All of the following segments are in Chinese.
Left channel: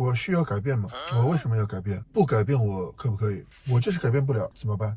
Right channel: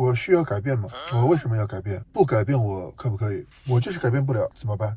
我需要改变吗？我为什么要改变？不改变我可不可以？我就是改变不了，怎么办？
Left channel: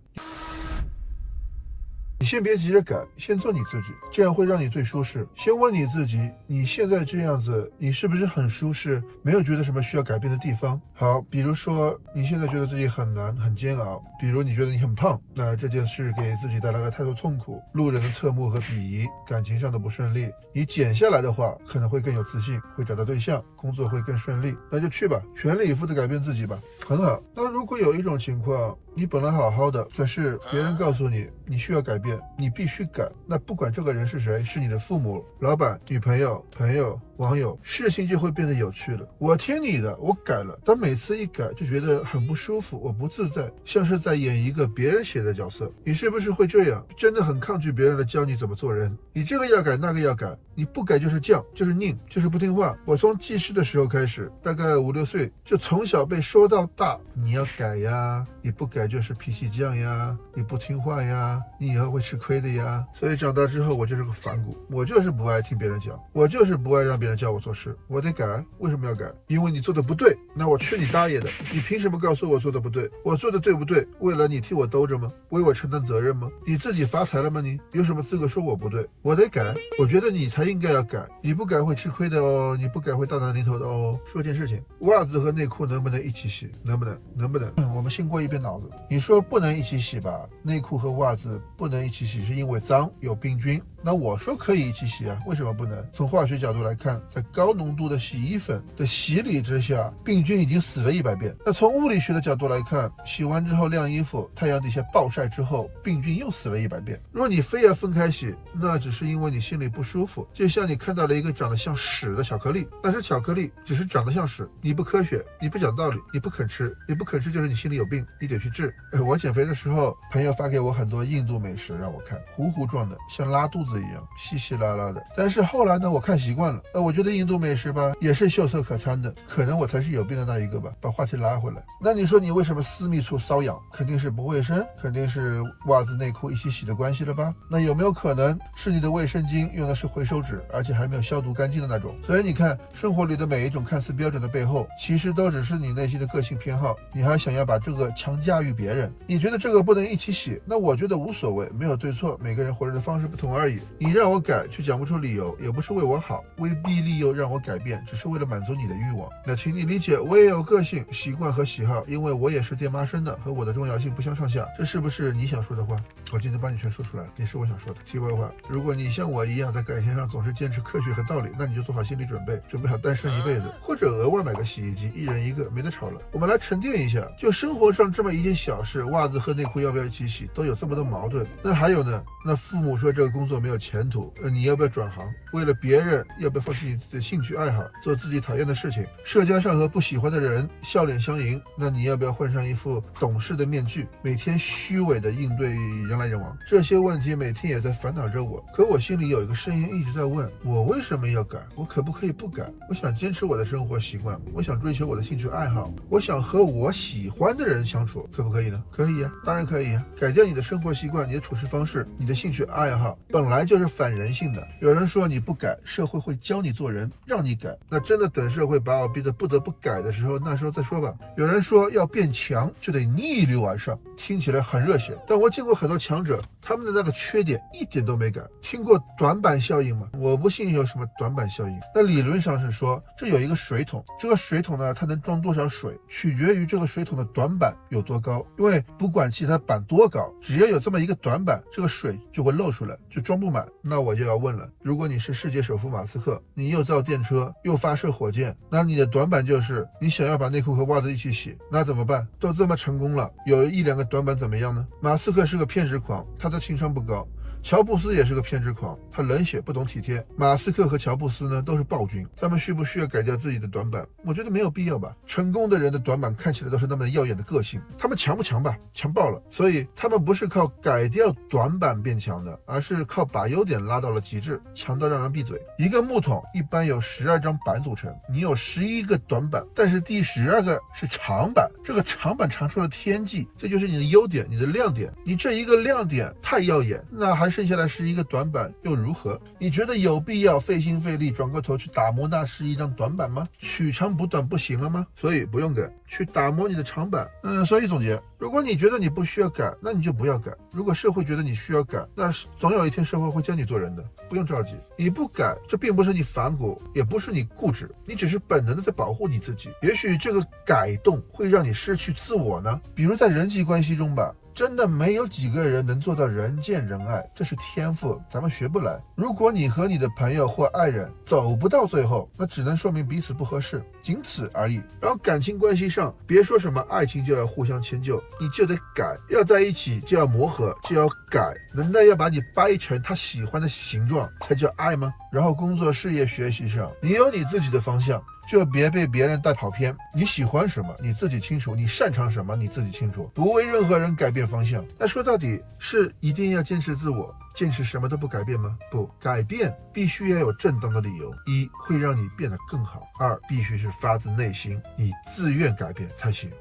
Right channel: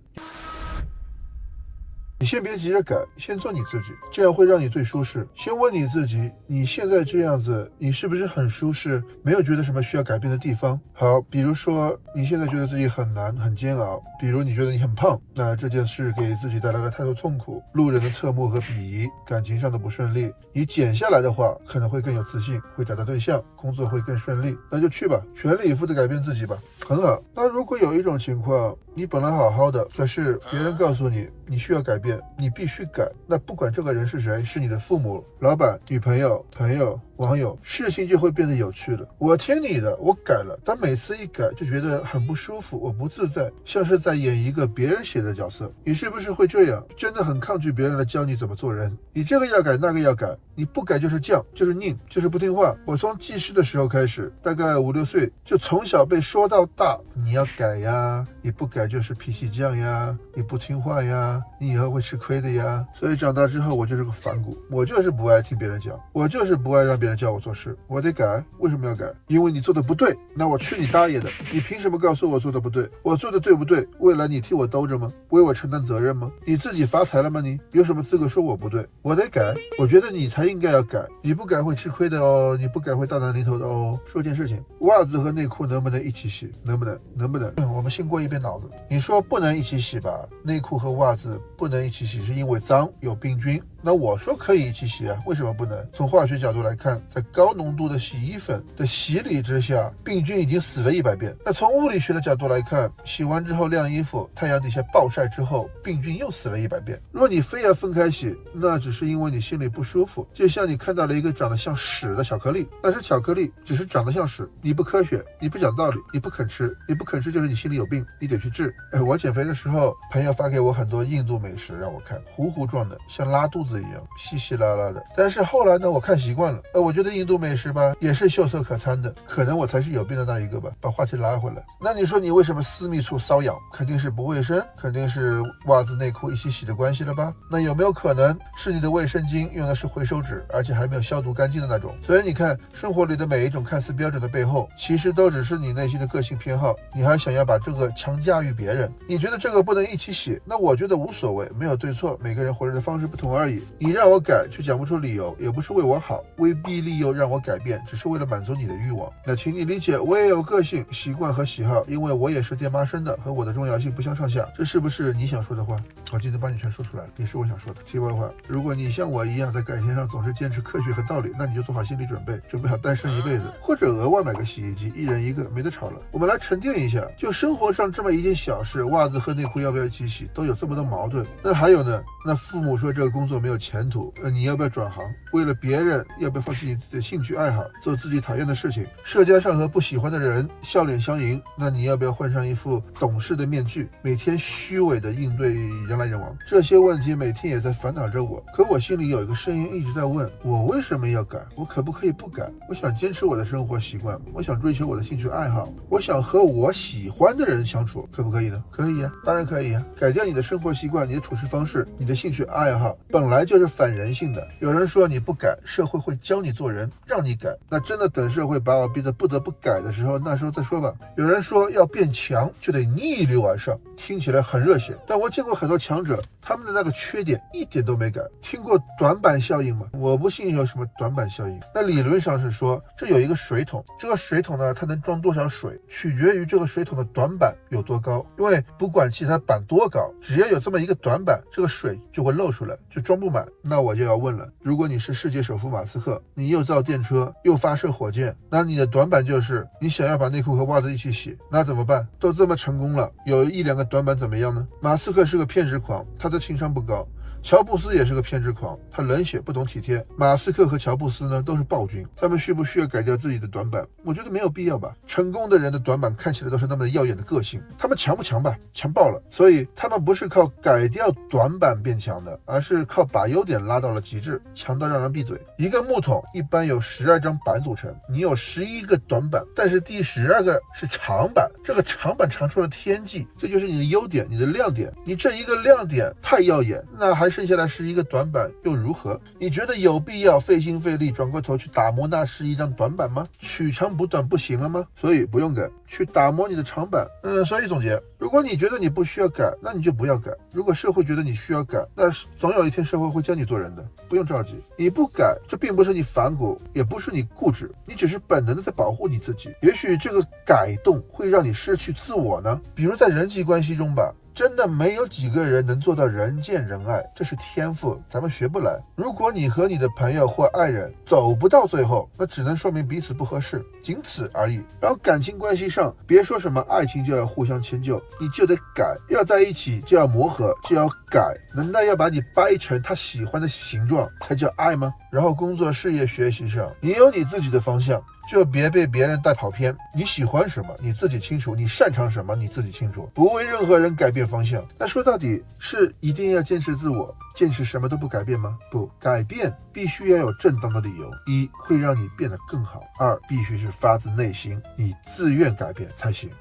你先别急着改，先做你自己，这样会让你最舒适。先问你自己，你现在这样子，你是不是很舒适？没有觉得什么需要改变的地方？好，比如说你现在觉得自己很难、很煎熬，比如你觉得你很胖，那这件事给自己带来了太多痛苦，路人的侧目和鄙夷，感情上的不顺利。你减下来的话，可能会更有自信，会找到对象，工作会更顺利，那就去吧，全力以赴的改变自己吧，很好。那如果有一种情况，你本来好好的，可是别人告诉你你需要改变，你必须改，那不管这个人是谁，是你的父母、老板、女朋友、朋友、网友，事情就会变得有趣了。我听你的，我改了，但每次一改就觉得很不舒服，我不自在，像是在演一个别人写的角色。你是不是会这样？真的很抗拒别人来教你怎么做人，你这个要改，那个要改，你不改就是犟，就是拧，就是不听话。我从记事的时候开始，大概5、6岁，就从小被说到大，你要改呀，你不改就是脾气犟呀，你不听话呀，你以后会吃亏的呀。所以长大之后，我就是个反骨，我就是不爱听别人讲，我就是不爱让别人教我做事，我得改。为什么要改？因为你做的不对，那我去你大爷的！你凭什么告诉我做的不对？我做的对不对？未来你替我兜着吗？为我承担责任吗？你自己发财了吗？你有什么资格说我不对？我得改。我觉得你才应该要改，你不改会吃亏的哦，你不改会大难临头的哦。说件事情，袜子和内裤能不能一起洗？能不能？能不能？我们先过一遍脑子。你说不能一起洗吧？内裤和袜子不能一起洗，是因为脏，有病菌。那我说可以一起洗啊，为什么不能？从化学角度来看，在高浓度的洗衣粉的洗礼之下，病菌已经死了100遍。那从物理学的角度来看，洗完之后晾衣服，太阳底下暴晒之后，病菌又死了100遍。如果你非要分开洗，那只是因为你心里不舒服。就像你看到了一个长得像屎的巧克力，那是巧克力，只是长得像屎。你不科学，你不讲道理，你不肯吃，你不肯吃就是你心里有病，你得去治。我减肥的时候，朋友发给我很多印度美食让我看，糊糊状的，像拉肚子一样，稀稀拉拉的。但是后来呢，我看习惯了，我觉得印度美食吧，也是秀色可餐的，可能我才是有病的那一个吧。把话题拉回来，那你说你为什么私密处瘙痒？肯定是不卫生，肯定是袜子内裤一起洗的关系了吧？那有没有可能是你的卫生巾用的是回收纸，而且还没有消毒干净的那种？所以你看，生活里的每一种看似标准的背后，其实都只是你内心的个性偏好，你还想要把这个强加于别人。你觉得这个不能一起洗，那我觉得无所谓，没有对错，每个人活着的方式不同而已。你让我改，却讲不出理由，也不是为我好，威逼利诱让我改变，只是为了满足你的欲望。那请你理解，我也有个性、习惯和喜好，因为我也是爹妈生的，和我的重要性不相上下。这是不是你想说的话？我今天帮你全说出来了，也是我想说的。题外话，如果你像我一样在改变上总是坚持科学和道理，那你就做好心理准备，准备好单身一辈子，或者额外买个洗衣机，一人一个，没得吵了。我们来沉淀一下，就生活上这么一件小事，袜子和内裤要不要一起洗，都有这么多矛盾。那还有呢？那父母说这个工作没有前途，你要不要转行？为了别人，要不要放弃你自己的兴趣爱好，做自己讨厌的事情？社交上和不喜欢的人笑脸相迎，那你要不要换上一副懂事的面具，每天虚伪的应对人来人往？这些问题每天也在烦恼着我，可我心里有一个声音一直在问，我为什么要改？我可不可以不改？我想坚持我的生活习惯，我想追求我的兴趣爱好，我想和我喜欢的人相处，可不可以呢？可以呀，当然可以呀。改掉你的生活习惯，你的处事方式，你的兴趣爱好本来就是反人性的。有人说你不改，社会会教你做人，让你改。那真的等社会把我逼得不得不改的时候，那时候再说吧。有人说要变强就得逆流而上，听起来很热血，但我见过很多强者，他们的那个缺点一点都没改。听过短板效应吗？我不信有什么短板效应。那理论上是说，这有一个水桶，这个水桶呢，它能装多少水，取决于这个水桶的短板有多高。因为不管其他板多高，只要有这么一个短板，这个水就会漏出来，就装不满。那我就要问了，如果你是世界首富马斯克，你又造电车又发射火箭，那你的短板就是你想要把内裤和袜子一起洗，那怎么办？都这么成功了，有1、2个短板怎么样呢？马斯克是个偏执狂，他的情商不高。乔布斯也是个偏执狂，他冷血不懂体贴。马斯克和乔布斯呢都是暴君，他们需不需要改掉自己的短板？我觉得没有必要吧。成功的人的短板看起来都是那么耀眼的个性，他们强不强吧？强爆了。所以他们不是靠改掉短板变强的，而是靠把优点拉到了极致，强到让人闭嘴。一个木桶一般有12张板组成，你有11个短板，但是第12个是长板，这个长板长出了天际，这就是你的优点，你的亮点。你这一个亮点太耀眼，那还剩下来是一个短板又如何？你觉得有必要费心费力转过头去打磨那是一张短板吗？取长补短不行了吗？所以不用改，去打磨你的长板。所以总结，如果你觉得你不需要改，那你就不要改。如果社会觉得你需要改，那总有一天社会会教你做人的，不用着急。你不改，这并不是你反骨，也不是你固执，你只是本能的在保护你自己。也许这个改动会让你失去自我呢。比如在人际关系中吧，真的没有几个人能做到人见人爱，这是天赋，咱们学不来。如果你和你的朋友或爱人走不到最后，那只能说明彼此不合适，仅此而已。然后感情关系上，别说什么爱情就要互相迁就，你就得改，要在一起就要磨合，就要改。难道要把你掰成他喜欢的形状才叫爱吗？然后工作、事业、学习上，你有你自己的方向，就别被别人带跑偏。你喜欢什么你自己清楚，你擅长什么你自己清楚，不为任何人改变方向。那说到底是一定要坚持自我，坚持什么都不改变吗？不，改变必须要有正当的理由，一会让你变得更好，二必须是发自内心，你自愿改变才行。